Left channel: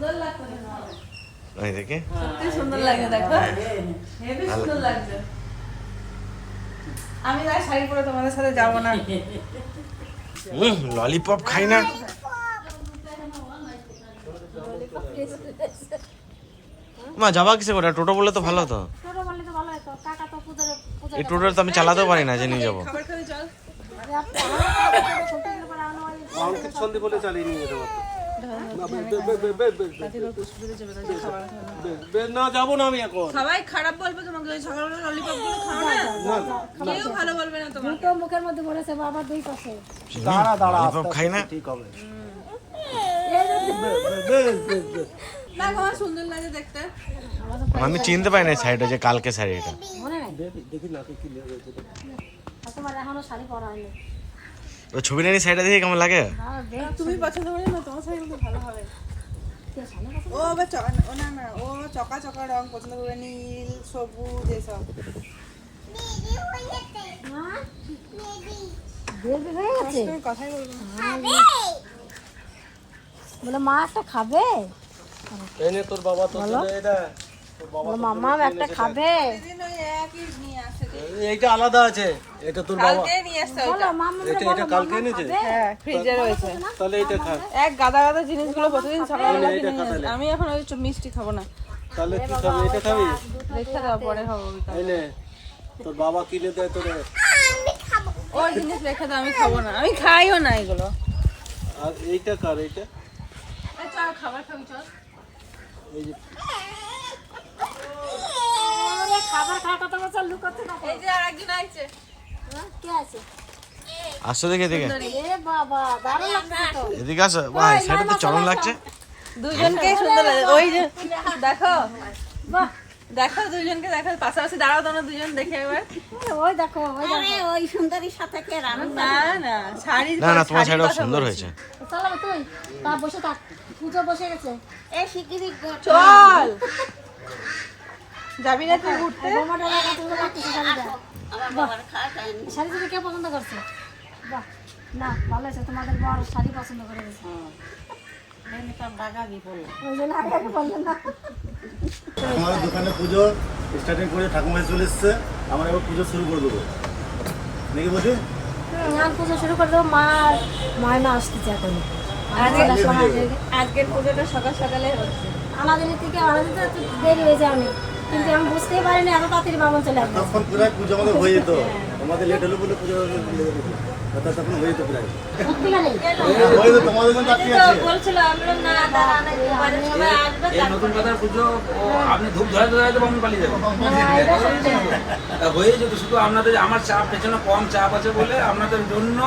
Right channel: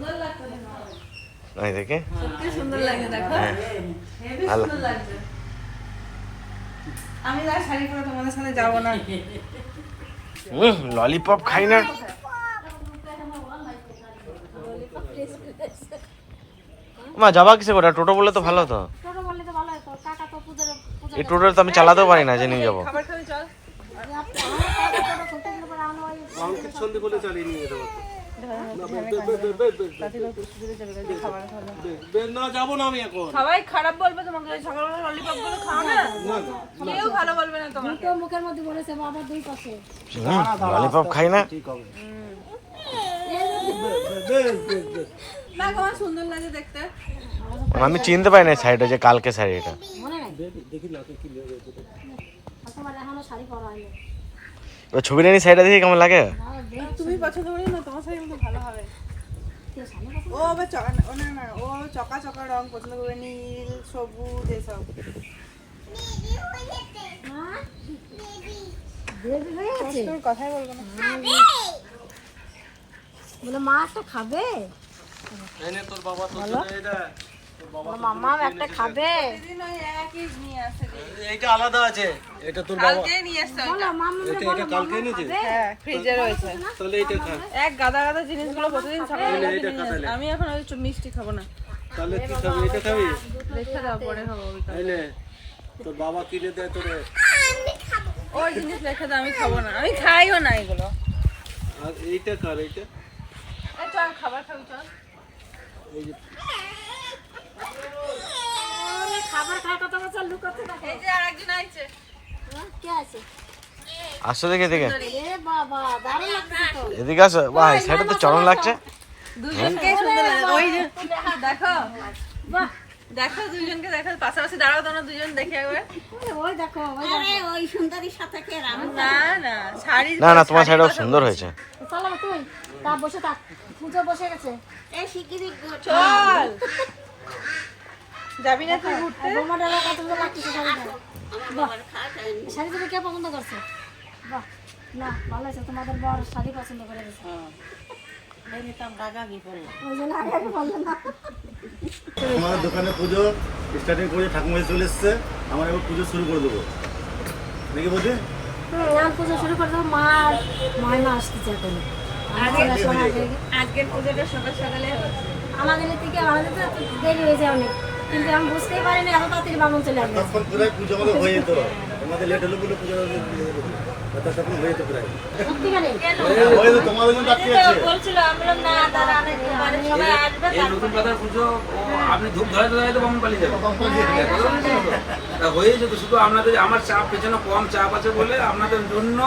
সুন্দর লাগছে ওই দেখে সত্যি সুন্দর লাগে দেখো হেভি সুন্দর লাগছে আমি না শাড়ি পরে তোমাদের সাথে যাব না ললিপপ খাই না মা যাবা কিসে করে টোটো বললে তো ভালো হতো টোটো বললে তো ভালো হতো টাকা তো পুজোর এই টোটোটা তো আমি চালাতেও পারি না যে নিয়ে যাবো খাবার খাবে চল অঙ্কিত সন্ধি বলে চালিয়ে নিয়ে যেতে পারতো না যাবো না আমি এখন সবাই খারাপ বলবে তোমাকে ওই সকালবেলা ললিপপ খাবে কেউ ভালো বলবে না তোমাকে দুটো মুখের মধ্যে বলেছে বাবা দুই পাশে ললিপপ খাই না ঠিক হবে না তোমার সুন্দর লাগে দেখতে আমি চিনতে পারি না শাড়িটা যে কালকে শাড়ি এটা মনে নাই দেখি না কি রয়েছে তোমার এখনো শাড়ি পরা হয়নি ওই ছবিটা নিয়ে শাড়িটা দেখে কেমন লাগে তুমি পছন্দ করো না তোমার সাথে কিন্তু ভালো হবে ও আবার ও না না ও চকা চকা রং পছন্দ করবে নীল সবুজ এসব তোর কথাই বলবো না বলে মা একটা খাবে এনে তোর বাবা তো এটা মামা একটা খাবে দিন ওই একই নিয়ে আসে এইটা আলাদা আছে এটা তোর বাবা কালকে নিয়ে আসতে বলো মামা এটা কালকে এনেছে হ্যাঁ ফ্রিজে রয়েছে তাহলে এটা খা এক গাদা গাদা জিনিসগুলো প্রতিদিন সকালে এটা খা তাহলে আমি এখন ওই মিষ্টি খাবো না তাহলে কি খাবি এটা খাবি রেখে দাও পরে খাবো এনে তোর বাবা কিনে দেয় তোরে ওই জিনিস রেখে দাও আমি খাবো না আমি খাইও না এগুলো আর এইটা কার এইটা চল খাবার খাবি চল এই যে খাবার খাওয়ার কথা বলছে লুকাতে থাকে এই যে একজন আইছে কে আছে আসতে দেখে দেখে এ বাবা দারুণ লাগছে তো এদিকে আসো ভাই শাড়িটা তো চরম লাগছে দুজনকে সুন্দর লাগে ওই যে দেখো বাহ দেখো দুজনকে দেখো পাশাপাশি দাঁড়াও তোমরা দুজন দেখে একবার ওই দেখো ওই সুন্দরীর সাথে কে রাম না না শাড়ি না না তোমার শাড়িটা সুন্দর হয়েছে চলো তুই তা বসে থাক পুজো বসে গেছে এই শিগগিরই চল যাবি না তুই ঘুরতে বোমাটা কত সুন্দর লাগছে শাড়িটা শাড়ি তুমি কে পছন্দ করছে বাহ না ভালো আছে তোমাদের বর শাড়ি পছন্দ করে গেছে ওই জন্য আগে আগে বললেন না আমাদের দোকানে পুজো স্টার্টিং করে ঠাকুমা চলে এসছে আমরা এবার পুজো শুরু করে দেবো নাকি বলছি এখন পুজো শুরু করে দেবো মায়ের না আসতেছে এখন আজকের পুজোটা সকাল সকালে হচ্ছে আমাদের থেকে আমাদের তো একটু দেরি হয়ে যায় অনেক কিন্তু আমি বুঝতেই পারিনি এত তাড়াতাড়ি বামন চলে আসবে তখন প্রায় পুজো আমাদের হয়ে যেত আমাদের লেট হলো বলে পুজো তখন হয়ে যেত প্রায় হয়ে যেত তোমাদের জন্য বাকি আছে বলছিল আমরা না দাঁড়া অনেক সবাই আসবে এই নতুন কথার পুজো আপনি ধূপ ধরে ধরে তো বামন পালিয়ে যাবেন তা হয়ে যেত শুধু আপনাদের আমার চাপ পেছনে কম চাপ আছে বলে আপনাদের জন্য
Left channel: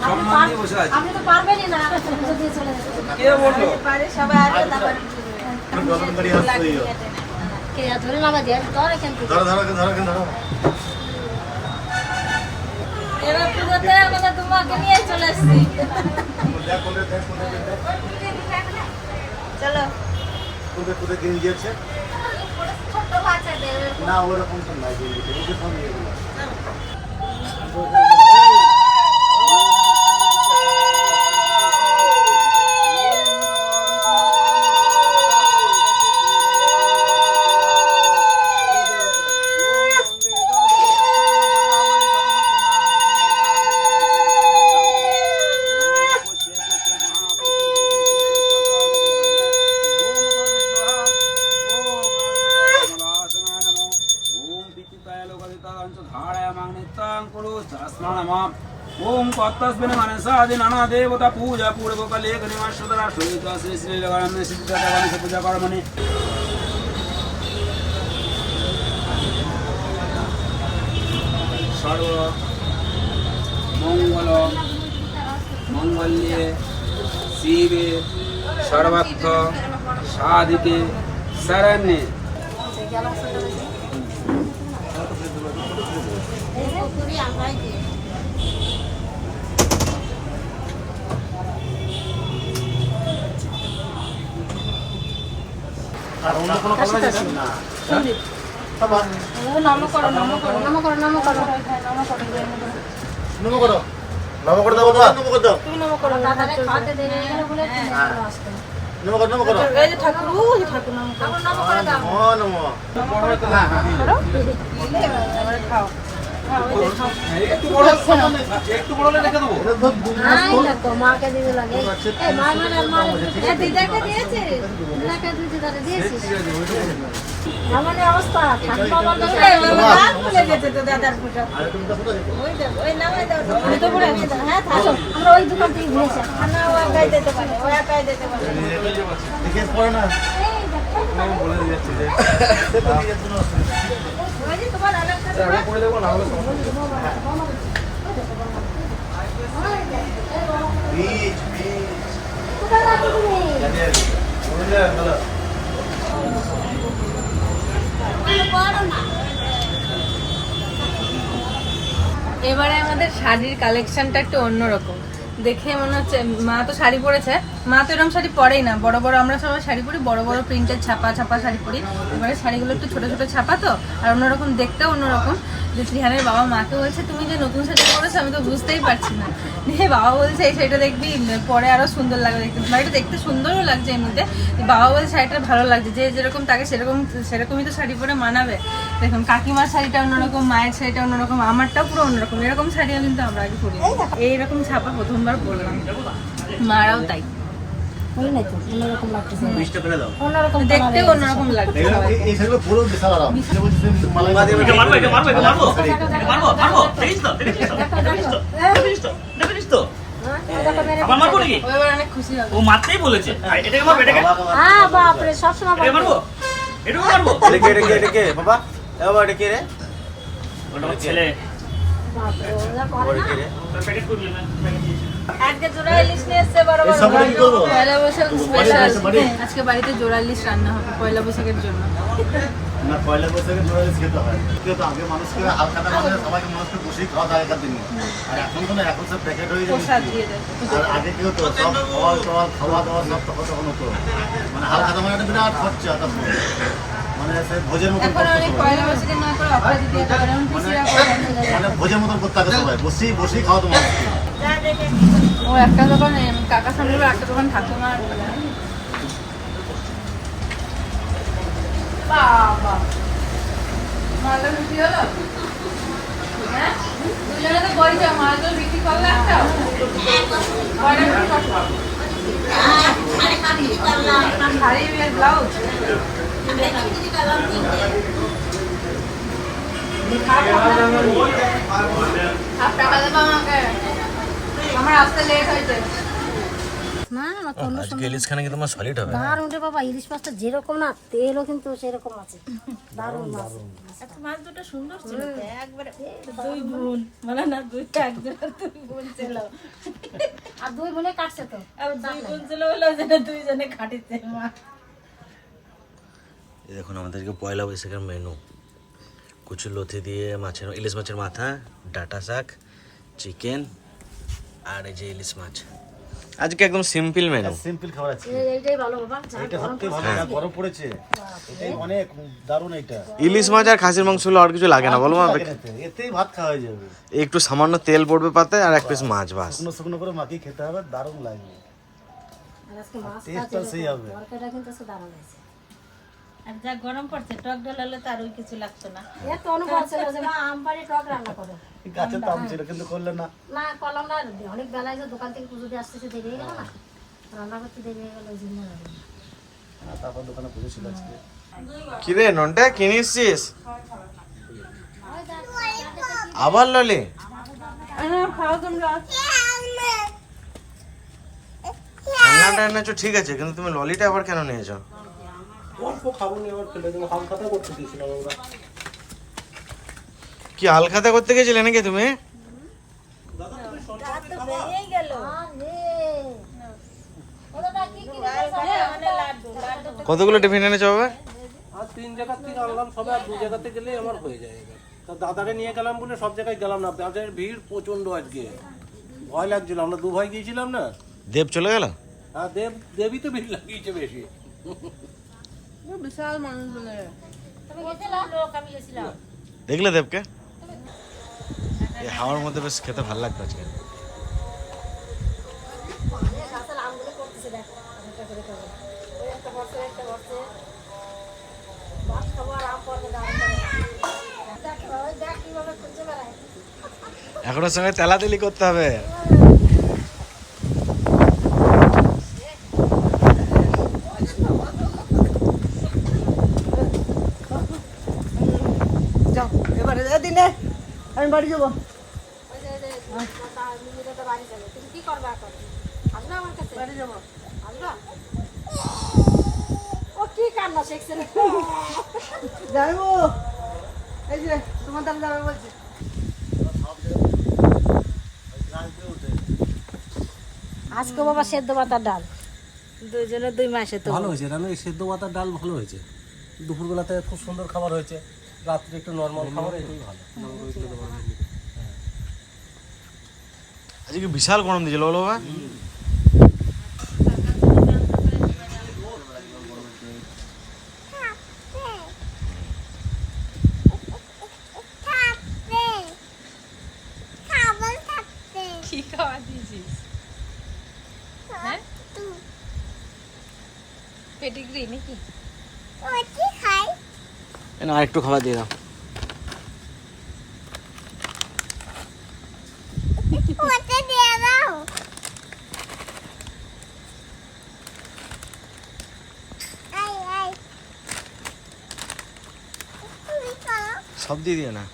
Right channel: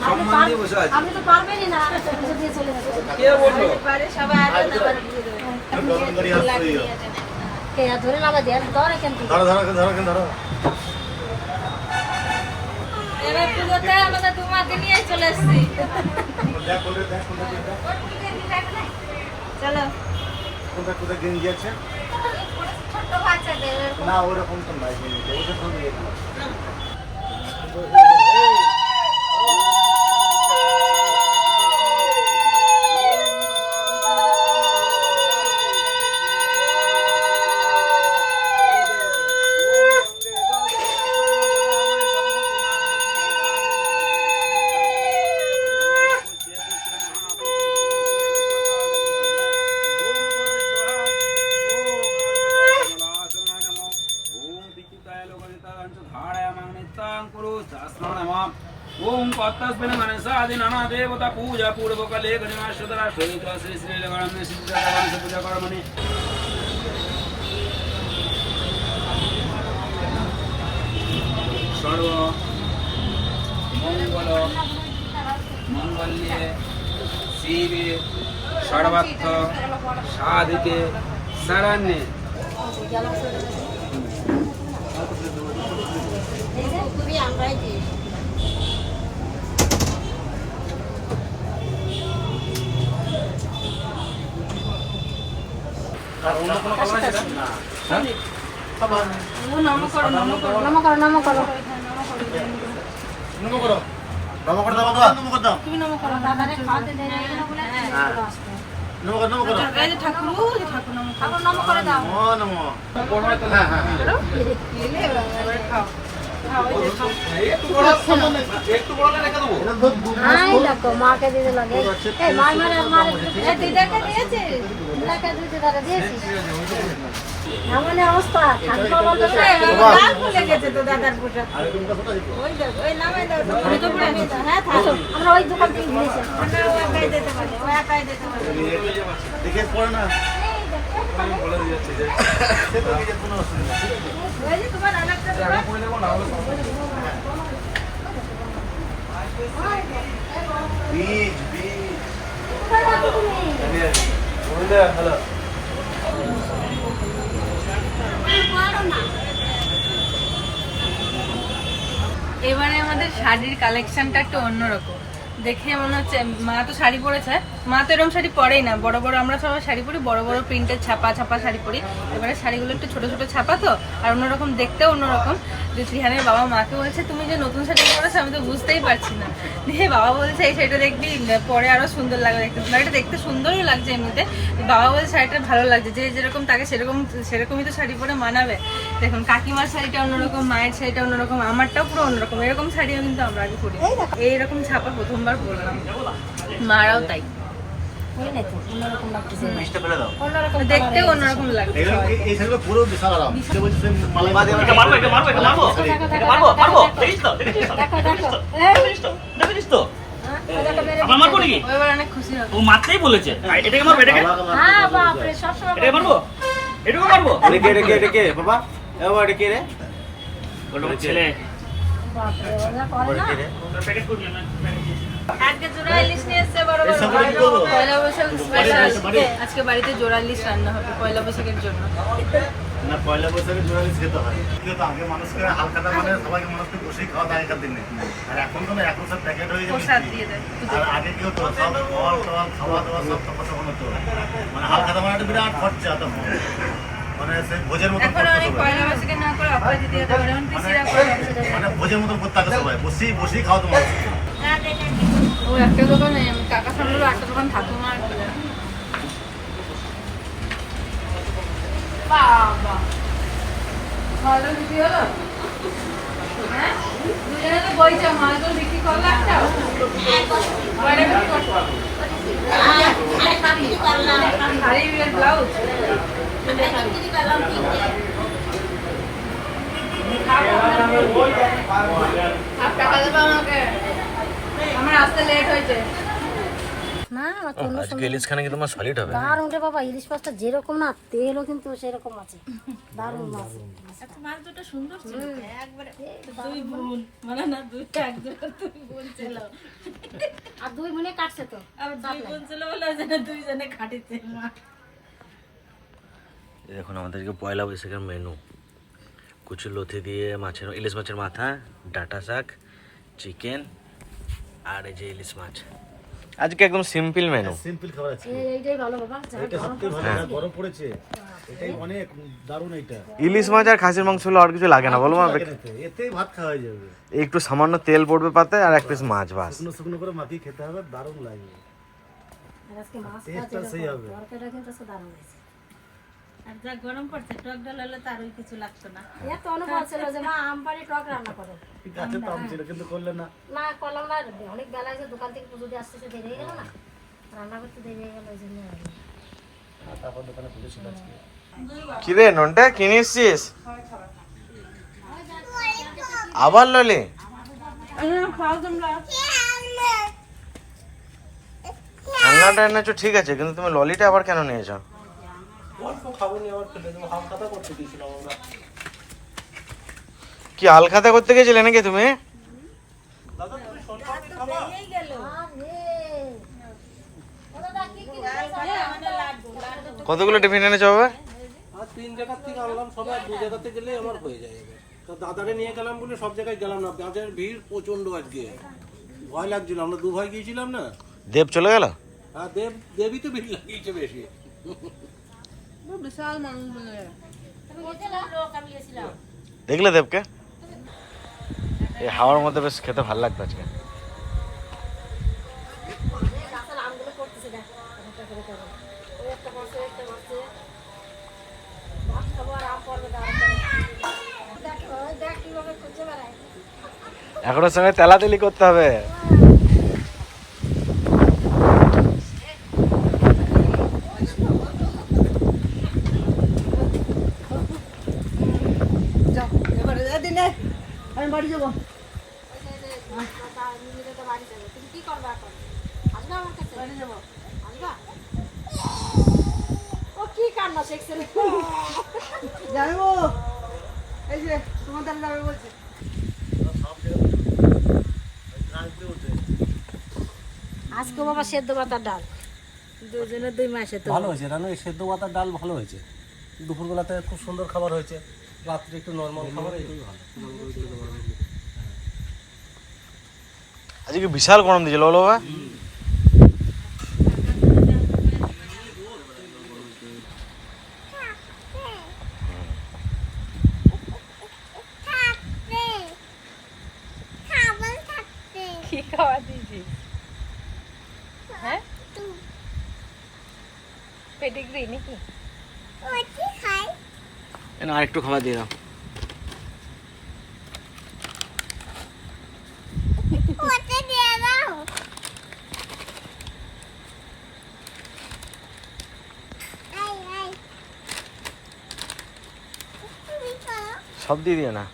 সম্মান দিয়ে বসে আছি আপনি তো পারবেনই না পুজো দিয়ে চলে যাচ্ছে কে বললো বাড়ি সবাই আসবে গল্পদারি আসছেই কে ধরে লাগা দিয়ে ধরে কেন ধরো ধরো ধরো ধরো এবার পুজোতে আমাদের তোমাকে নিয়ে চলে এসেছি চলো তোদের তোদের দিন গিয়েছে ছোট বাচ্চা দেবে না ওরকম তো নাই ওদের সঙ্গে ओम पत्तस्मिन् मनसादि नाना देवता पूजा पूर्वकले गणेशोदरा श्रीता श्री श्री गणेश गणेश पूजा कर्मणि सर्व मंगल मंगल्ये शिवे सर्वत्र साधिके शरण्ये আর অন্য কোনো কথা আছে না নম করো নম করো নম করো নম করো নমো করো বাবা করে দাও দাও তুমি করে দাও তুমি নম করো দাদারে খাওয়াতে দেরি হয়ে গেল বলে তুমি আসবে নমো নমো করো এই যে ঠাকুর ওই ঠাকুর নাম ঠাকুর নাম করে দাও। ও নমো এবারে খাও একটু বড় রেখে দেবো। আই দেখো মাকে দিতে লাগে। এই মা মা এ দিদাকে দিয়েছি। দিদাকে দিয়েছি। এমন অবস্থা ঠান্ডা বন্ধ করে নাম ভুলে গেছে তো দাদার পুজো আর তুমি তো কোথায় দিতে ওই দেখ ওই নামে দাও আমি তো পড়ে আছি হ্যাঁ থাকো আমরা ওই দোকান থেকে ঘুরেছি। না ও একাই দিতে পারে ও একাই দিতে পারে দেখে পড়ো না আমি বলে দিচ্ছি যে সে তো নিজে কোনো অসুবিধা নেই। ওই যে তোমার আরেকটা বীজ বলে বলো এবারে আমাদের শাড়ির কালেকশনটা একটু অন্যরকম দেখে মনে হচ্ছে মা তো শাড়ি পরেছে মা তো এরকম শাড়ি পরেই না বড় বড় আমরা সবাই শাড়ি পরি বড় বড় প্রিন্টের ছাপা ছাপা শাড়ি পরি এবারে শাড়িগুলো একটু ছোট ছোট ছাপা তো আর অন্যরকম দেখতেও অন্যরকম রিহানের বাবা মাকে বলছে তুমি যে নতুন শাড়ি পরেছো আমি তো বুঝতেই পারছি না দিয়ে বাবা বলছে এই শাড়িটা দেখবি পরে আরো সুন্দর লাগবে দেখতে শাড়িটা দেখতে সুন্দরও লাগছে এমনিতে বাবা বলছে শাড়িটা ভালো লাগছে যে যেরকম তাকে সেরকমই তো শাড়ি পরে মানাবে দেখুন কাকিমার শাড়িটা অন্যরকম মায়ের শাড়িটা অন্যরকম আমারটাও পুরো অন্যরকম এরকম শাড়িও কিন্তু আমরা আগে পরি এইরকম ছাপা প্রথমবার পরলাম মারাও তাই ওই নাই তো অন্যরকম লাগতেছে। বীজটা ফেলে দাও অন্যরকম দেখতেও অন্যরকম লাগছে এই শাড়িগুলো পুরো বিশাল আরাম সে বলছে মালাই আবার মারবো নাকি? ও এবার অনেক খুশি হবে ও মারতেই বলেছে। আর এটাকে মারবো, এটাকে? হ্যাঁ বাপরে সব সময় এটাকে মারবো? এটাকে মারবো? রেখে বাবা বাবা রেখে রে ওটা আমার ছেলে। বাপরে না করে না। ওটা প্যাকেট করবি না? আজকে জোড়া ইলিশ নিয়ে এসছে বড় এই সবটা কি করবো পয়লা বৈশাখ স্পেশাল আজকে বাড়িতে জোড়া ইলিশ রান্না হবে পয়লা বৈশাখের জন্য না পয়লা বৈশাখে জোড়ালিশ খেতে হয় কিন্তু আগে মানুষকে হালখাতা মানে সবাইকে মানুষকে বসেই খাওয়া আগেকার দিনে আর এখন তো না এখন সব প্যাকেট হয়ে যাবে প্রসাদ দিয়ে দেয় আর আগে কি হতো সব ফল টল খাওয়া দাওয়া সব তখন হতো মানে হালখাতা মানে একটা বিরাট খরচা তখন মানে সে ভোজের মতন এখন করতো অনেক সবাই। পয়লা বৈশাখে না করে অপরাধী দিয়ে দেয় যেমন পিসিরা করে মানে ভোজের মতন করতে থাকে সবাই বসেই খাওয়া তো মানুষকে ও একটা দোকান কাকা সামনে একটা দোকান ঠাকুমা বলে বাবা মালদা বিক্রি হলো হ্যাঁ দুজনে তো বইছে মালদা বিক্রি করলে একটা শাড়ি ব্লাউজ টাকা দেবো আমাকে আমার আসতে লেট হয়েছে না কোনো আজকে ইলিশ খানে কি তোমার সলিড হবে দারুণ রে বাবা ইলিশ মাছটা যেরকম না তেলও কিন্তু সেরকম আছে দারুণ মাছ আচ্ছা মাছ দুটো সুন্দর ছিল তো একবারে দুই বোন মানে না দুইটা একজন দুই বোন ছিল আর দুই বোনে কাটছে তো আর দুই বোন ছিল বলে যে দুইজনে খাটিতে মা এই দেখুন আমাদেরকে পয়লা বৈশাখের মেনু কুচু লথি দিয়ে মাছের ইলিশ মাছের মাথা ডাটা শাক চিকেন আর এই যে ইলিশ মাছ আজকে একদম সিম্পল মেনু সিম্পল খাবার আছে এইটাই ভালো বাবা যা এটা সত্যি ভালো গরম পড়েছে এটাই অনেক দারুণ এটা ইলিশ মাছ আর খাসির মাংস হলে আর কিছু লাগে না বলো মা এতেই ভাত খাওয়া হয়ে যাবে একটু সামান্য তেল পড়বে পাতে আর এক পিস মাছ বাস শুকনো শুকনো করে মাখিয়ে খেতে হবে দারুণ লাগবে আর আজকে মাছ টেস্টটা সেই হবে তরকারিটা কিন্তু আজকে দারুণ হয়েছে আর যা গরম পড়ছে টক ডল হলে তো আর ওই কিছু লাগতো না এত অনুভব ছিল যে মা আম পাড়ে টক রান্না করো গাছে তাম ছিল কিন্তু করলে না না করলাম না অনেক বেলা এসে দোকান থেকে পুজো দিয়ে আসতেছে দেরি হয়ে গেল না রান্না করতে দেরি হয়ে গেল ওই জন্য তারপর দোকানে পুজো ছিল আজকে কি রে ননটা কিনে এসছিস আবার ললি খাও তোমরা খেলনাটা এনেছো ঠিক আছে কিন্তু তুমি ললিটা আবার কেন নিয়েছো অল্প খাবো নি আবার ফেলে দেবো হালখাতা করতে দিয়েছিলাম আমরা কি আলখাতা করতে গেছিলে নাকি তুমি কতগুলো টিফিন এনেছো বাবা আর 3 জায়গা থেকে আনলাম সবে আর 2 জায়গাতে গেলেই আমার হয়ে যায় এবার তো দাদারে নিয়ে গেলাম বলে সব জায়গায় গেলাম না দাদার ভিড় প্রচন্ড আজকে ভয় লাগছিল আমরা দু ভাই গিয়েছিলাম না দেব চলে গেল আর দেবই তো ভিড় লাগিয়েছে বেশি বিশাল মানুষ বলে দেখলে দেবকে এই হাওয়ার মধ্যে বেশ খেতে ভালো লাগতো আজকে গাছের আমগুলো করতেছে দেখ বসে তো বসে ভাত খাবো আর আম পড়বে দাঁড়া করে দেখ কিভাবে খুঁজে বেড়ায় এখনো সঙ্গে তেলাতেলি করতে হবে। যাও এবারে দিনে আমি বাড়ি যাবো। নিজেদের তো বাড়ি যাবে তুমি কি করবা এখন আসবে আমার কাছে বাড়ি যাবো। আসবা ও কি কান্না শিখছে রে যাইবো এই যে তোমার দ্বারা যাবে বলছি। আজকে বাবা সেদ্ধ পাতার ডাল দুজনে 2 মাসে তো ভালো হয়েছে রানু, এই সেদ্ধ পাতার ডাল ভালো হয়েছে। দুপুরবেলাতে খুব সুন্দর খাবার হয়েছে, রাত্রে একটু নর্মাল খাবার, এটাই ভালো। আজকে বিশাল গরম দিয়েছিল বলো বাবা। কি খাওয়া দিয়েছিস? পেডিগ্রি নাকি? না আর একটু খাবার দিয়ে দাও। সব দিয়ে দিও না।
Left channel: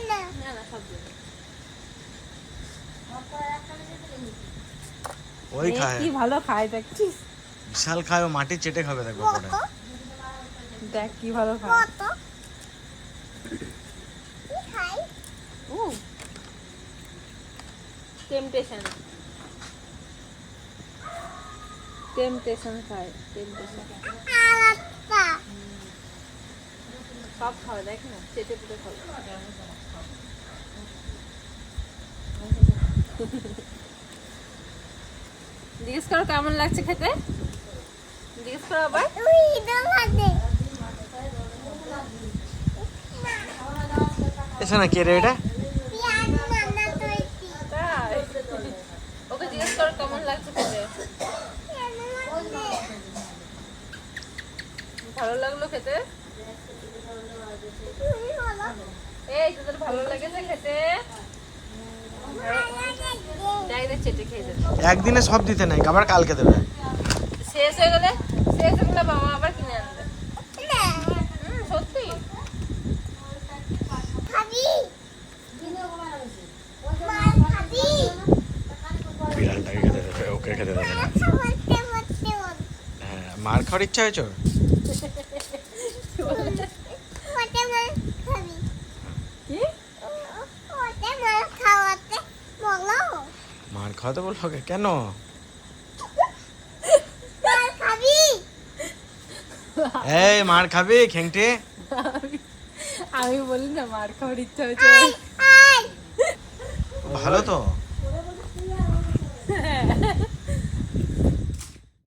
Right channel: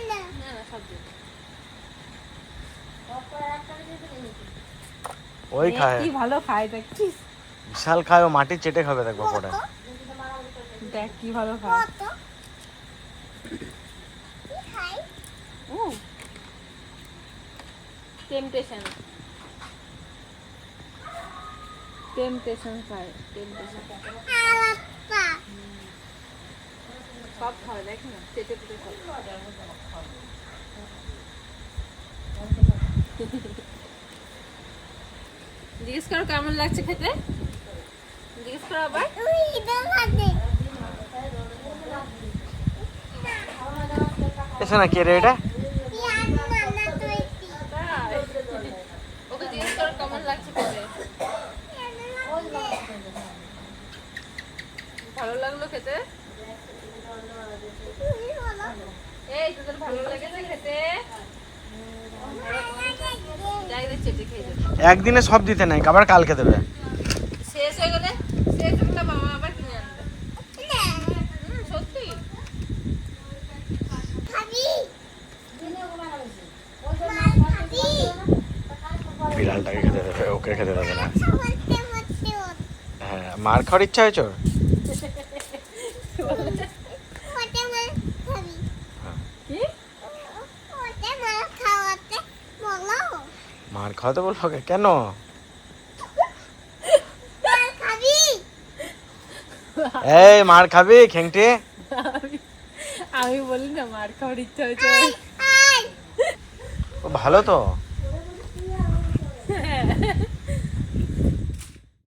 না না সব দিন। ওই খায়, কি ভালো খায় দেখছিস? বিশাল খায়, ও মাটি চেটে খাবে দেখবো পরে। দেখ কি ভালো খায়। টেম্পটেশন খায়, টেম্পটেশন সব খাওয়া দেখ না, চেটে পুটে খাবে। জিজ্ঞেস করো কেমন লাগছে খেতে, জিজ্ঞেস করো আবার। এসে না কে রে এটা? তাই? ওকে জিজ্ঞেস করো কেমন লাগছে খেতে। ভালো লাগলো খেতে? এই তোদের ভালো লেগেছে খেতে? ডাইরেক্ট চেটে খেয়ে যাবে। একদিনে সব দিতে নাই, আবার কালকে দেবে। শেষ হয়ে গেলে বাবা আবার কিনে আনবে। সত্যি বিড়ালটাকে খেতে দেবে, ওকে খেতে দেবে না। হ্যাঁ, মার খাওয়ার ইচ্ছা হয়েছে ওর? মার খাওয়াতে বললো ওকে? কেন? এই মার খাবি খেংটে? আমি বলি না মার খাওয়ার ইচ্ছা হয়েছে। ও ভালো তো।